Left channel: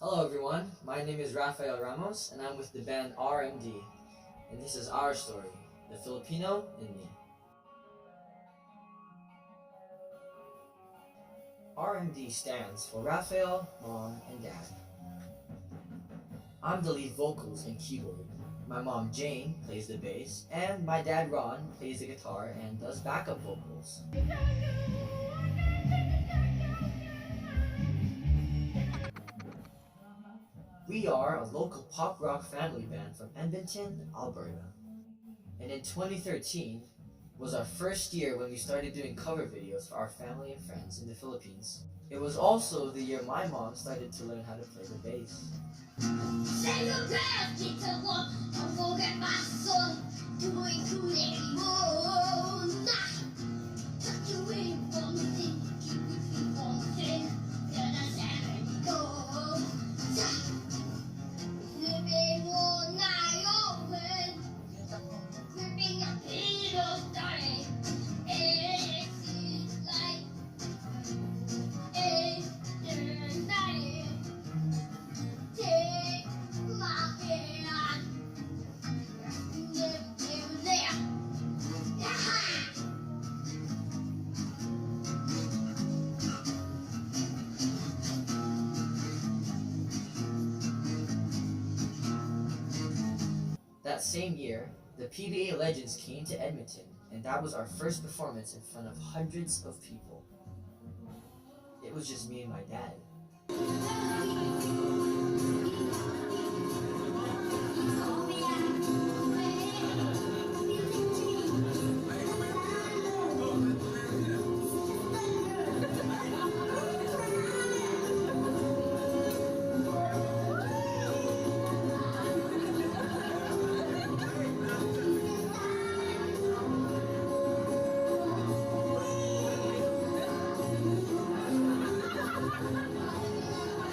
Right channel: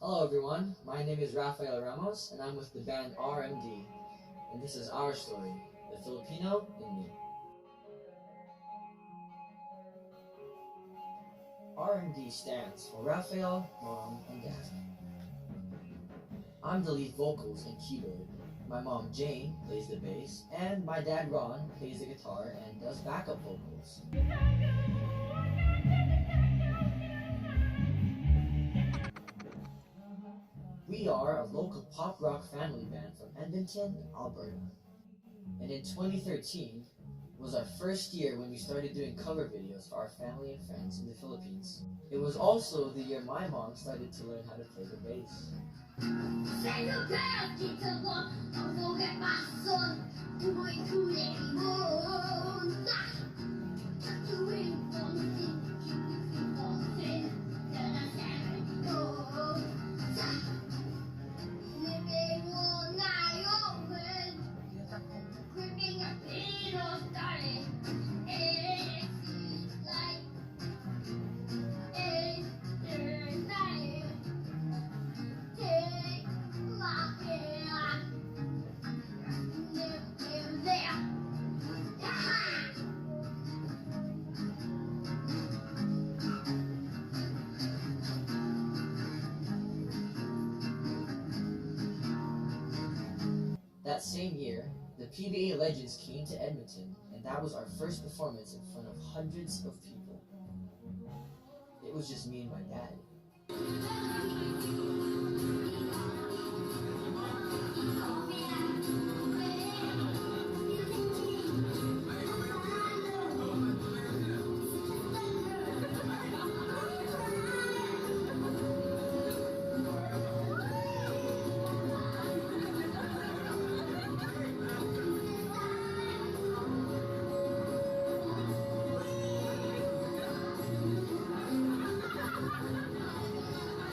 Hello everyone, my name is Rafael Ramos and I'm with the band RMD, and this is our story, the Filipino in me. RMD stands for Rafael, Mom, and Dad. I'm the lead vocals and keyboard. My mom Jane plays the bass, and my dad Ron plays the guitar and does backup vocals. We are a local pop rock family band from Edmonton, Alberta. And in 2013 was our first year when we started doing cover videos for our family and friends in the Philippines. It was also the year my mom started to learn how to play the bass. That same year, the PBA Legends came to Edmonton, and that was our first performance in front of hundreds of people. It was just me and my dad.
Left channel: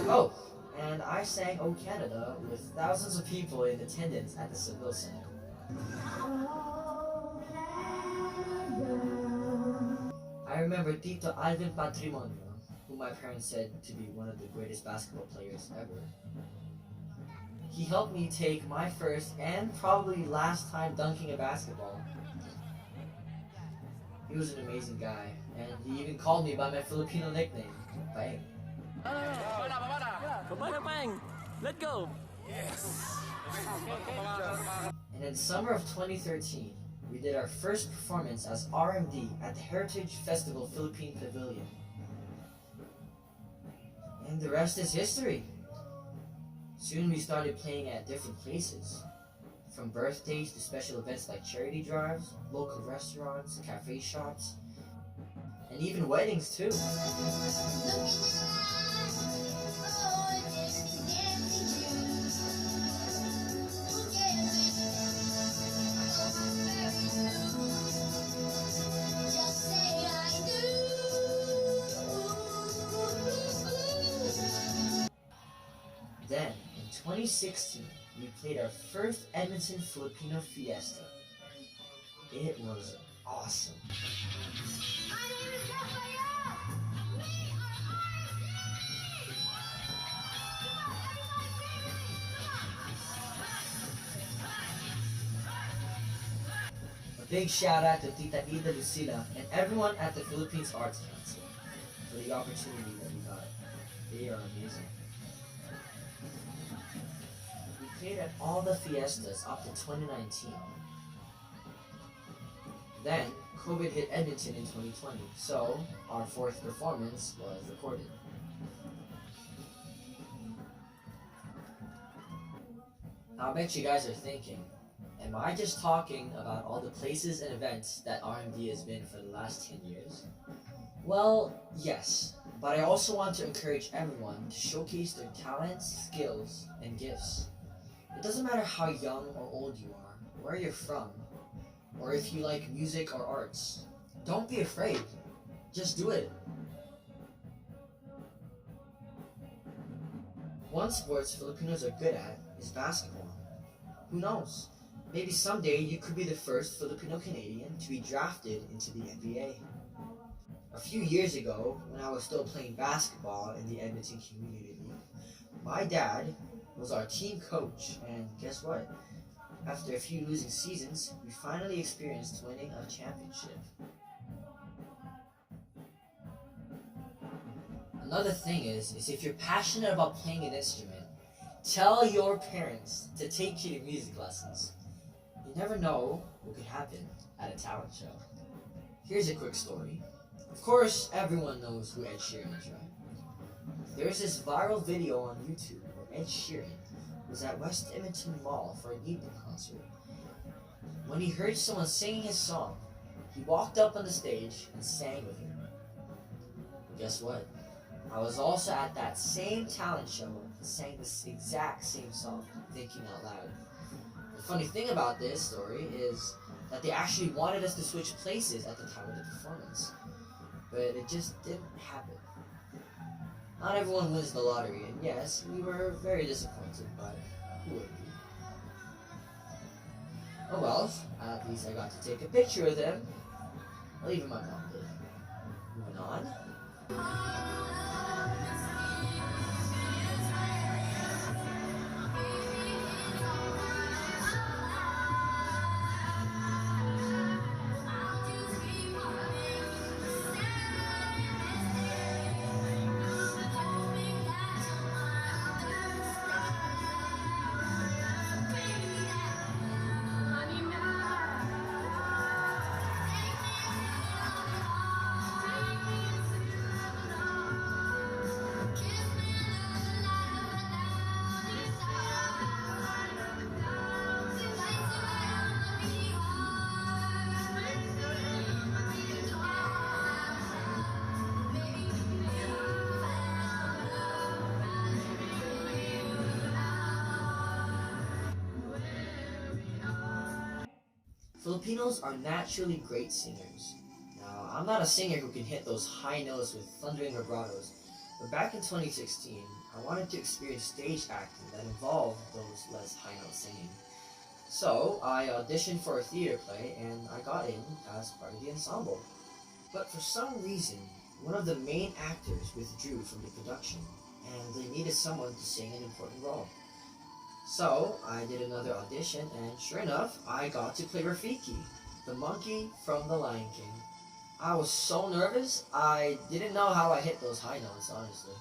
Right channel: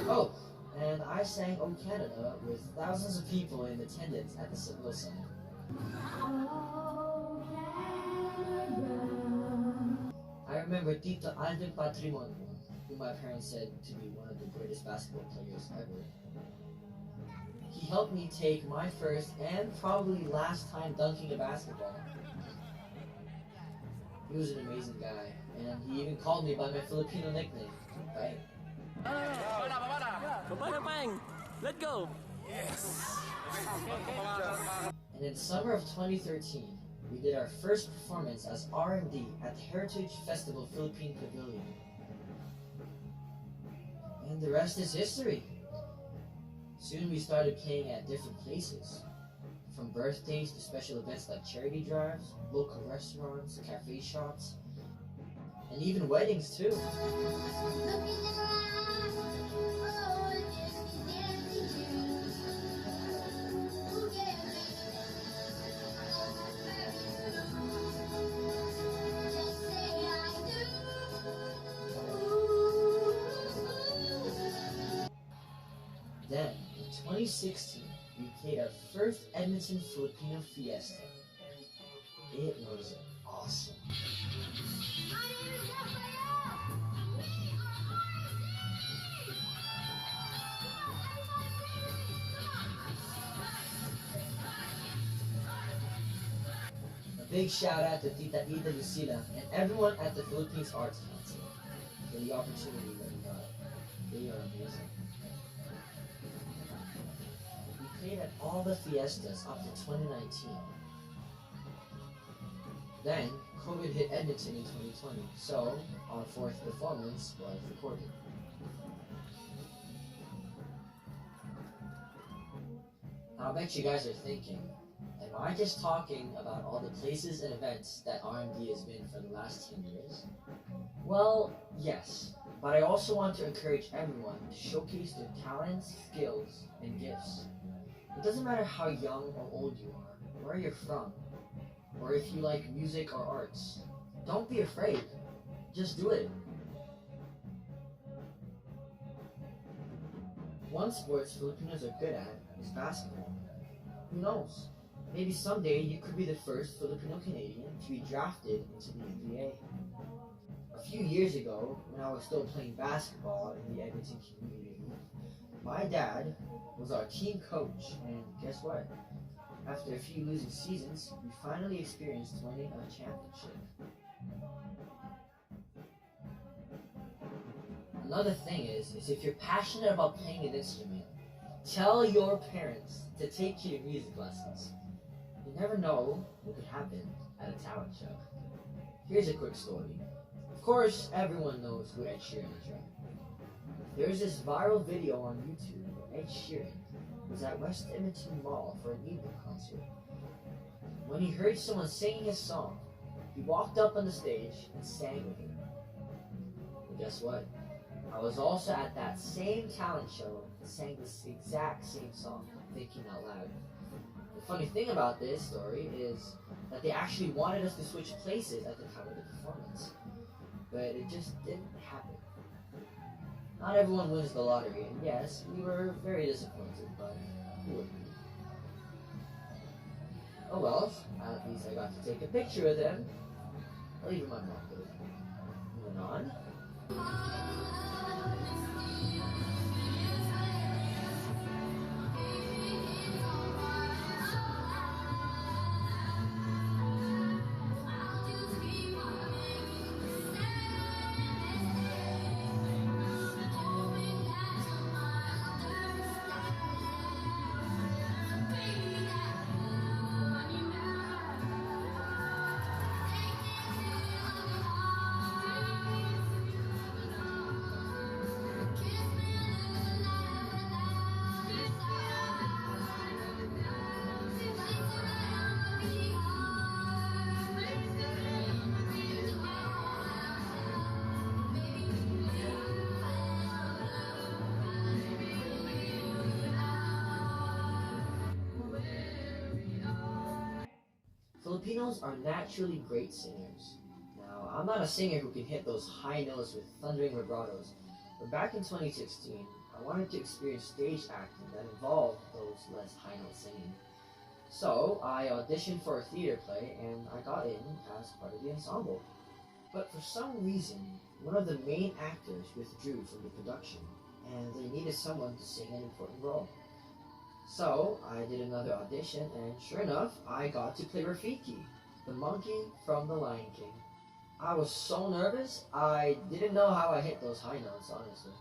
Oh, and I sang "O Canada" with thousands of people in attendance at the Seville Center. I remember Tito Alvin Patrimonio, who my parents said to be one of the greatest basketball players ever. He helped me take my first and probably last time dunking a basketball. He was an amazing guy, and he even called me by my Filipino nickname, Bang. Bang! Let's go! Yes! And in the summer of 2013, we did our first performance as RMD at the Heritage Festival Philippine Pavilion. And the rest is history. Soon we started playing at different places, from birthdays to special events like charity drives, local restaurants, cafe shops, and even weddings too. Then, in 2016, we played our first Edmonton Filipino Fiesta. It was awesome. My name is Rafael! We are RMD! Come on, everybody sing with me! Come on! A big shout out to Tita Ida Lucila and everyone at the Philippines Arts Council for the opportunity that we got. They are amazing. We played at all the fiestas up to 2019. Then, COVID hit Edmonton in 2020, so our fourth performance was recorded. Now I bet you guys are thinking, am I just talking about all the places and events that RMD has been for the last 10 years? Well, yes, but I also want to encourage everyone to showcase their talents, skills, and gifts. It doesn't matter how young or old you are, where you're from, or if you like music or arts. Don't be afraid. Just do it. One sport Filipinos are good at is basketball. Who knows? Maybe someday you could be the first Filipino-Canadian to be drafted into the NBA. A few years ago, when I was still playing basketball in the Edmonton Community League, My dad was our team coach, and guess what? After a few losing seasons, we finally experienced winning a championship. Another thing is if you're passionate about playing an instrument, tell your parents to take you to music lessons. You never know what could happen at a talent show. Here's a quick story. Of course, everyone knows who Ed Sheeran is, right? There's this viral video on YouTube where Ed Sheeran was at West Edmonton Mall for an evening concert. When he heard someone singing his song, he walked up on the stage and sang with her. But guess what? I was also at that same talent show and sang this exact same song, thinking out loud. The funny thing about this story is that they actually wanted us to switch places at the time of the performance, but it just didn't happen. Not everyone wins the lottery, and yes, we were very disappointed, but who wouldn't be? Oh well, at least I got to take a picture with him. Well, even my mom did. Moving on. Filipinos are naturally great singers. Now, I'm not a singer who can hit those high notes with thundering vibratos, but back in 2016, I wanted to experience stage acting that involved those less high note singing. So, I auditioned for a theater play and I got in as part of the ensemble. But for some reason, one of the main actors withdrew from the production, and they needed someone to sing an important role. So, I did another audition, and sure enough, I got to play Rafiki, the monkey from The Lion King. I was so nervous, I didn't know how I hit those high notes, honestly.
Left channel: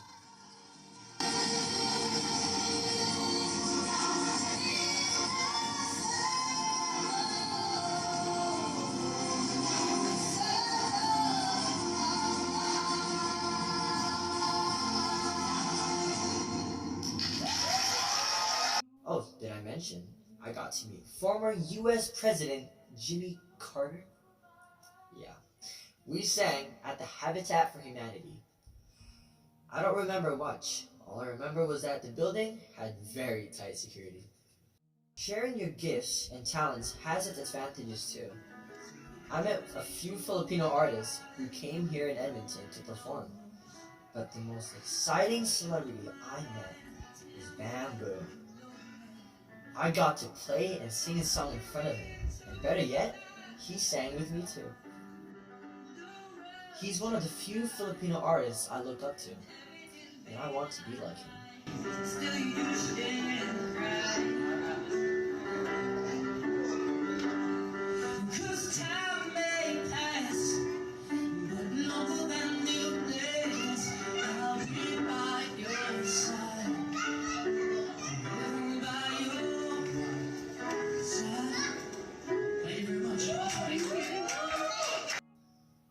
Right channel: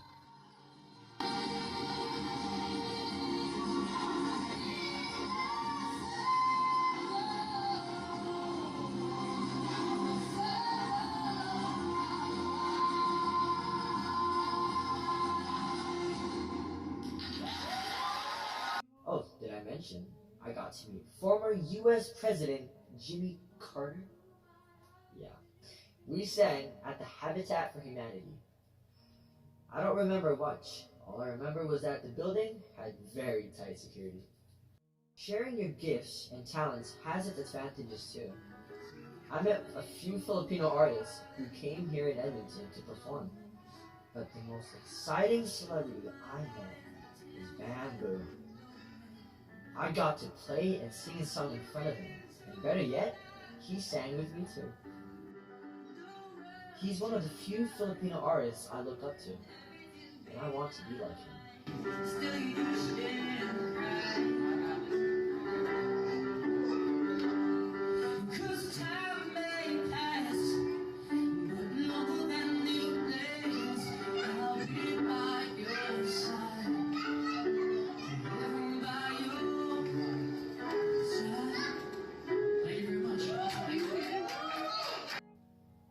Oh, did I mention? I got to meet former US President Jimmy Carter. Yeah. We sang at the Habitat for Humanity. I don't remember much. All I remember was that the building had very tight security. Sharing your gifts and talents has its advantages too. I met a few Filipino artists who came here in Edmonton to perform. But the most exciting celebrity I met is Bamboo. I got to play and sing a song in front of him, and better yet, he sang with me too. He's one of the few Filipino artists I look up to, and I want to be like him.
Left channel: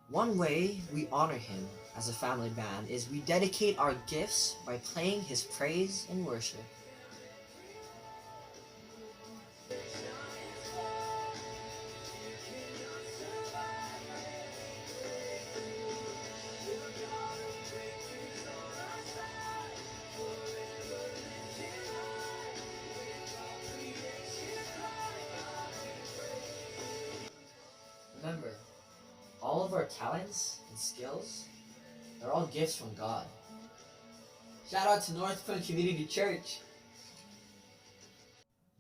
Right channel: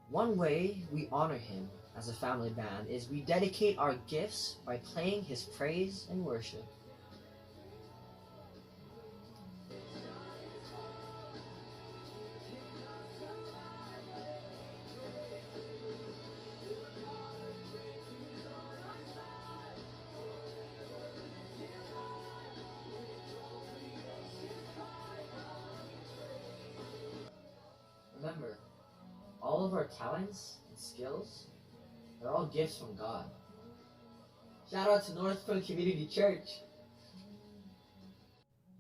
One way we honor him as a family band is we dedicate our gifts by playing his praise and worship. Remember, all of our talents and skills, they're all gifts from God. Shout out to North Point Community Church.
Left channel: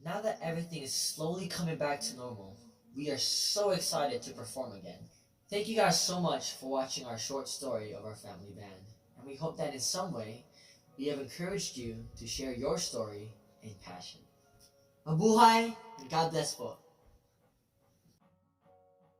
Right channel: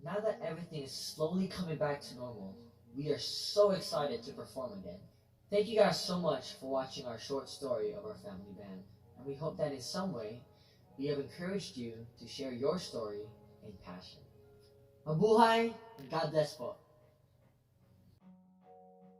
Now that everything is slowly coming back to normal, we are so excited to perform again. Thank you guys so much for watching our short story of our family band, and we hope that in some way, we have encouraged you to share your story and passion. Mabuhay and God bless po.